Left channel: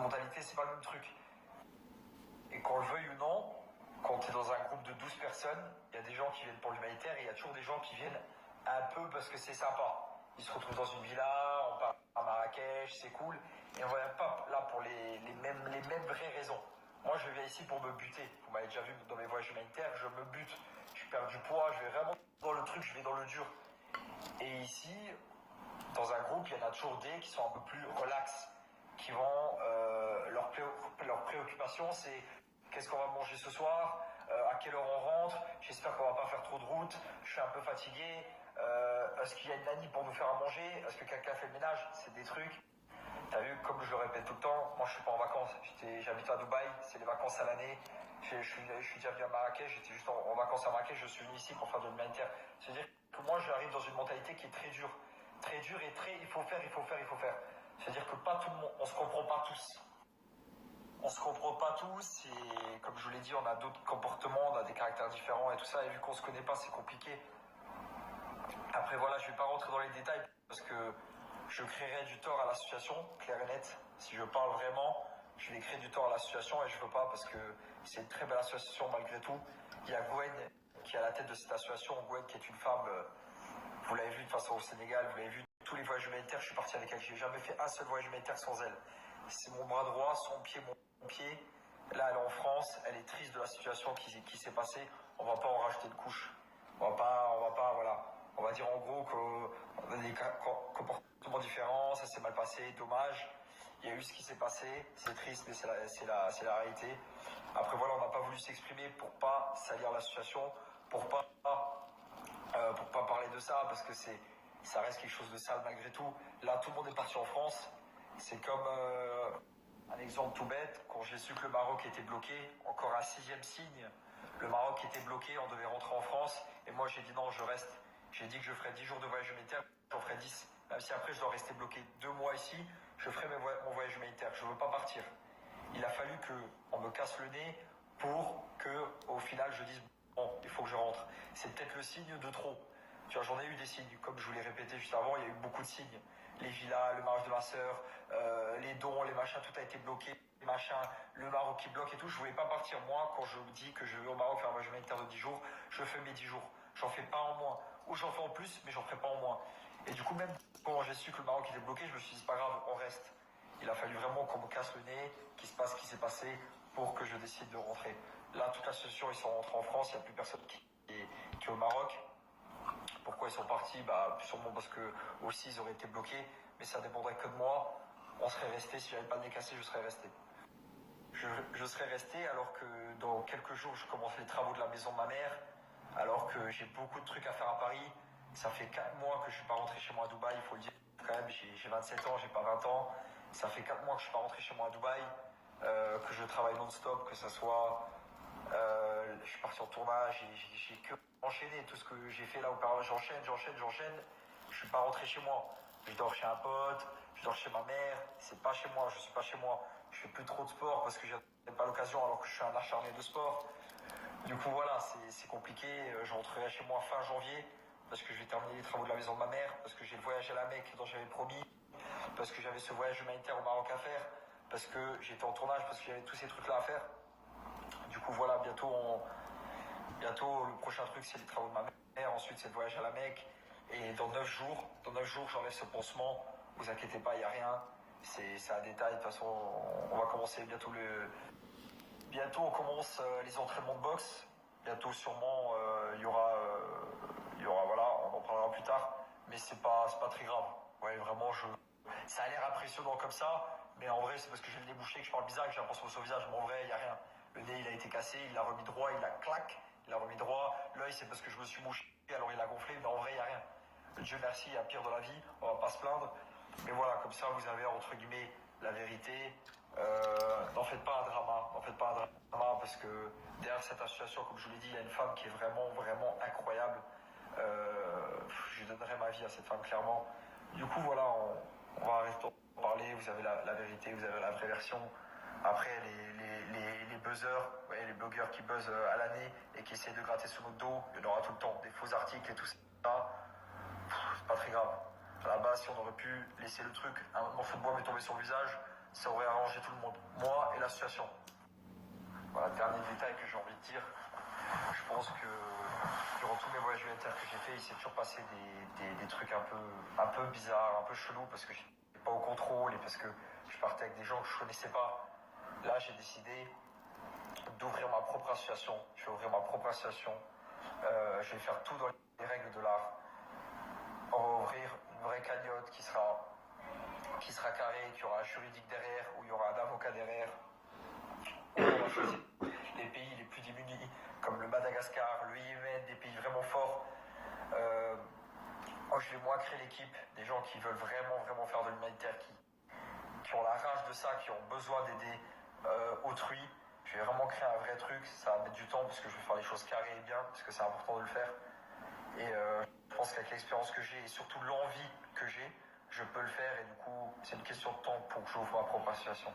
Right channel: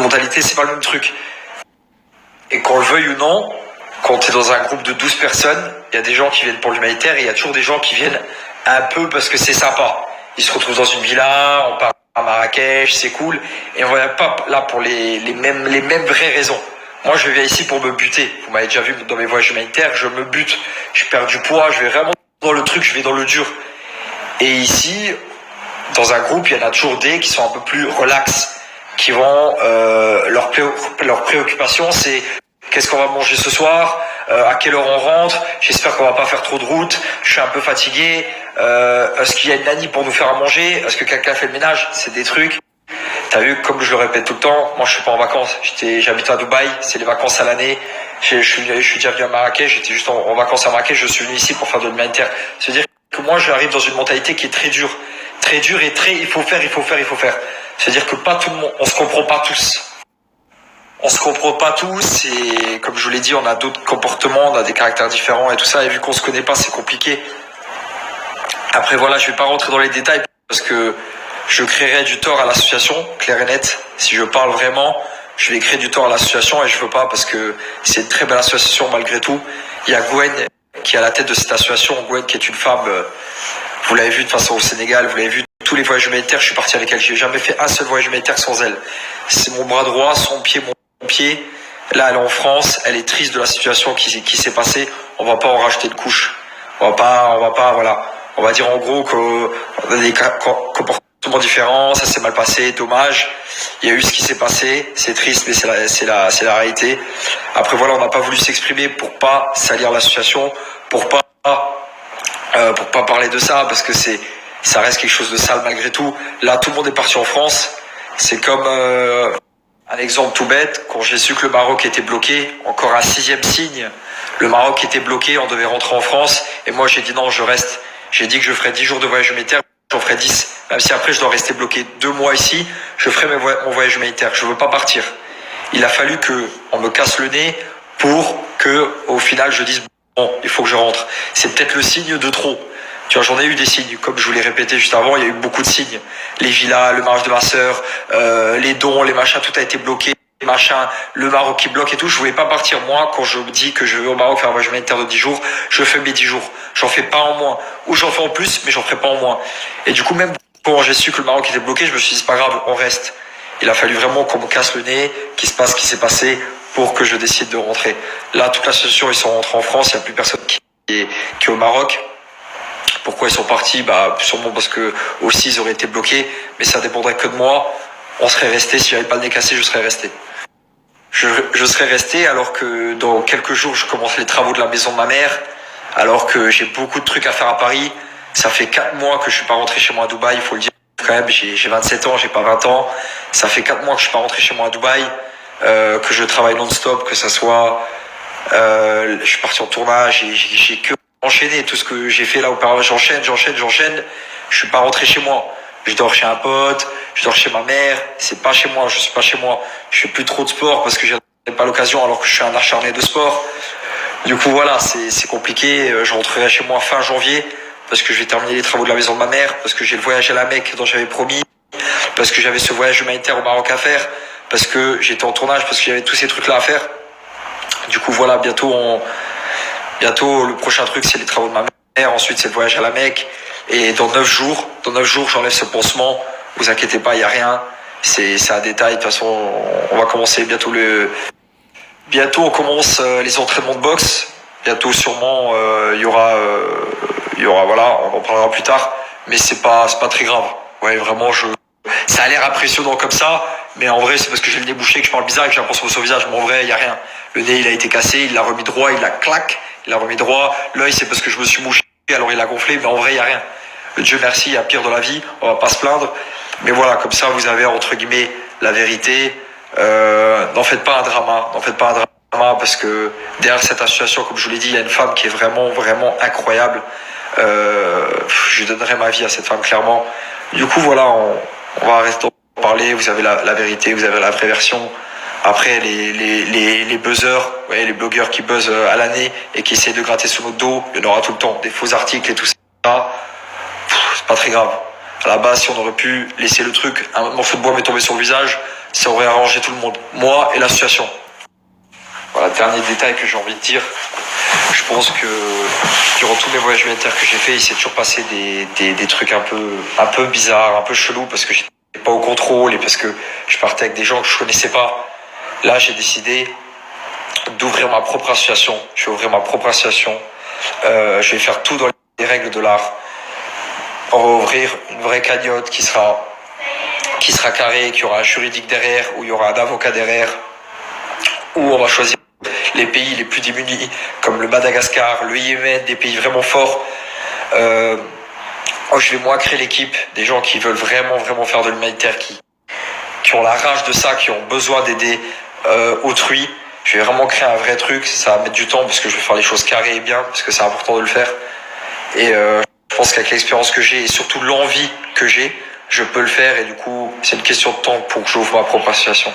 mentalité, c'est pas le même truc. Et qu'on le veuille ou non, quand tu es dans un groupe de 12 personnes, il y a des gens qui viennent pour l'humanitaire et il y a toujours des gens qui viennent un peu parce que c'est sympa. Ils se retrouvent dans une villa, on part à Marrakech, c'est cool. Et on va pas là pour les mêmes vraies raisons. Moi, je viens ici pour me buter. Vous m'avez déjà vu dans mes voyages humanitaires, je me bute. Je perds du poids, je vais vraiment dans le truc, je vais dans le dur. Et ici, dans un groupe, il y en a toujours des qui sont un peu plus relax, qui vont leur préoccupation, c'est qu'est-ce qu'on va manger ce soir, à quelle heure on rentre, j'espère qu'on va pas faire trop de route, je suis un peu fatigué, est-ce qu'il y a une nanny pour nous faire à manger, est-ce que quelqu'un fait le ménage, c'est des trucs. T'as vu, comme je le répète tout le temps, moi je suis pas en vacances, j'habite à Dubaï, c'est les vacances à l'année, je suis déjà venu à Marrakech, j'étais juste en vacances à Marrakech, je suis venu ici pour faire de l'humanitaire. C'est-à-dire que moi j'arrive dans une mentalité qui est très dure et très il faut faire. C'est-à-dire que pas tout le monde, on se comprend pas tous. On se comprend pas tous et comme je vous l'ai dit, on a d'autres comportements, on a des caractères différents et tout ça. Et vu qu'on se connaît pas, c'est compliqué. Après voilà, je vais pas rentrer dans les détails parce que je créerais du tort à l'association, clair et net. Si je parle vraiment, je vais créer du tort à l'association et je veux pas parce que c'est une très belle association malgré tout. Il y a Gwen qui est à la tête de cette association. Gwen qui est une femme, vous l'avez vu de toute façon au Sénégal, vous l'avez vu tous les voyages humanitaires, je suis parti avec elle. J'ai jamais fait un seul voyage humanitaire sans elle. C'est mon bras droit, son pied, mon pied. Là, elle est en France, elle est triste de la situation qui s'est passée. On va pas en rajouter de couches. On va pas, voilà. On va dire en gros qu'on a des comportements différents, ça s'est mal passé, dommage. Il y a eu ce qui s'est passé, c'est triste, mais c'est la réalité. Après voilà, on n'a pas voulu s'exprimer pour pas salir l'association, pour pas parler de ça, parce que ça reste quelque chose de sale malgré tout. Là, tout le monde est parti en France. C'est comme un exemple tout bête. Quand j'ai su que le Maroc était bloqué, encore un 6e signe, le Maroc était bloqué, on devait rentrer en France. Et moi, j'ai dit non, je reste. J'ai dit que je ferais 10 jours de voyage humanitaire, j'en ferai 10. Même si après, je dois rester bloqué 2 mois ici, je ferai mon voyage humanitaire. Je veux pas partir. Il a fallu qu'on me casse le nez pour que, au final, je dise bon, il faut que je rentre. C'est peut-être le signe de trop. Tu vois, j'en ai eu des signes, comme je vous l'ai répété juste avant, il y a eu beaucoup de signes. Les villas, le mariage de ma sœur, les dons, les machins, tout a été bloqué, les machins, le Maroc qui bloque et tout. Je voulais pas partir. Moi, quand je me dis que je vais au Maroc faire un voyage humanitaire de 10 jours, je fais mes 10 jours. J'en fais pas en moins. Ou j'en fais en plus, mais j'en ferai pas en moins. Et du coup, même quand j'ai su que le Maroc était bloqué, je me suis dit, c'est pas grave, on reste. Il a fallu vraiment qu'on me casse le nez, qu'il se passe ce qui s'est passé pour que je décide de rentrer. Là, toute l'association, ils sont rentrés en France, il n'y a plus personne qui est au Maroc. Pourquoi ils sont partis? Bah, sûrement parce que aussi ils auraient été bloqués, mais ça dépendrait que de moi. On serait resté, si j'avais pas le nez cassé, je serais resté. Je serais resté alors que dans quelques jours, je commence les travaux de la maison de ma mère, alors que j'ai beaucoup de trucs à faire à Paris. Ça fait 4 mois que je suis pas rentré chez moi à Dubaï, il faut le dire quand même, j'ai 27 ans, j'ai pas 20 ans. Ça fait 4 mois que je suis pas rentré chez moi à Dubaï, que je travaille non-stop, que ça soit... je suis parti en tournage, j'ai que enchaîné tout ce que j'ai fait là auparavant, j'enchaîne. Je suis pas rentré chez moi. Je dors chez un pote, je dors chez ma mère. C'est pas chez moi, je suis pas chez moi. Je fais plus trop de sport parce que j'ai pas l'occasion alors que je suis un acharné de sport. Du coup voilà, c'est compliqué. Je rentrerai chez moi fin janvier parce que je vais terminer les travaux de la maison de ma mère, parce que j'ai le voyage à la Mecque dont j'avais promis, parce que j'avais ce voyage humanitaire au Maroc à faire, parce que j'étais en tournage, parce que j'avais tous ces trucs là à faire. Du coup voilà, bientôt le prochain truc c'est les travaux de ma mère, ensuite c'est le voyage à la Mecque, et dans 9 jours j'enlève ce pansement, vous inquiétez pas, il n'y a rien, c'est un détail, de toute façon on va commencer bientôt on commence les entraînements de boxe, bientôt sûrement il y aura voilà, on en parlera plus tard, mais c'est pas très grave, ouais vraiment ça a l'air impressionnant comme ça, mais en vrai c'est parce que j'ai le nez bouché que je parle bizarre et que j'ai un pansement sur le visage, mais en vrai il n'y a rien. Le nez il a été cassé, il l'a remis droit, il l'a remis droit. L'œil c'est parce que je me suis mouché, alors il a gonflé, mais en vrai il n'y a rien. Dieu merci, il y a pire dans la vie, on va pas se plaindre. Mais voilà, comme ça vous avez entre guillemets la vérité. N'en faites pas un drama, parce que derrière cette association, comme je vous l'ai dit, il y a une femme qui est vraiment, vraiment incroyable. Je donnerai ma vie à cette femme clairement. Du coup voilà, on va rester en parler, vous avez la vérité, vous avez la vraie version. Après, les buzzers, ouais, les blogueurs qui buzzent à l'année et qui essayent de gratter sous notre dos, il y en aura tout le temps. Des faux articles et tout ça, c'est pas très grave. À la base, si on aurait pu laisser le truc, un morceau de bois m'est tombé sur le visage, ça aurait arrangé tout le monde, moi et l'association. Voilà, dernier détail que j'ai envie de dire. Je pense que durant tous mes voyages humanitaires que j'ai fait, il s'est toujours passé des trucs un peu bizarres, un peu chelous, parce que j'étais pas au contrôle et parce que je partais avec des gens que je connaissais pas. Là, j'ai décidé d'ouvrir ma propre association. Je vais ouvrir ma propre association. Je vais faire tout dans les règles de l'art. On va ouvrir une vraie cagnotte qui sera carrée, qui aura un juridique derrière, où il y aura un avocat derrière, où on va choisir les pays les plus démunis, comme le Madagascar, le Yémen, des pays vraiment forts. Je vais moi créer l'équipe, des gens qui veulent vraiment faire de l'humanitaire, qui ont la rage de ça, qui ont besoin d'aider autrui. Je vais vraiment créer un vrai truc, ça va mettre du temps parce que je vais faire les choses carrées et bien, parce que c'est important de le faire. Et je pense qu'avec l'expérience que j'ai et surtout l'envie que j'ai, je peux le faire et du coup c'est une question de temps pour que j'ouvre ma propre association.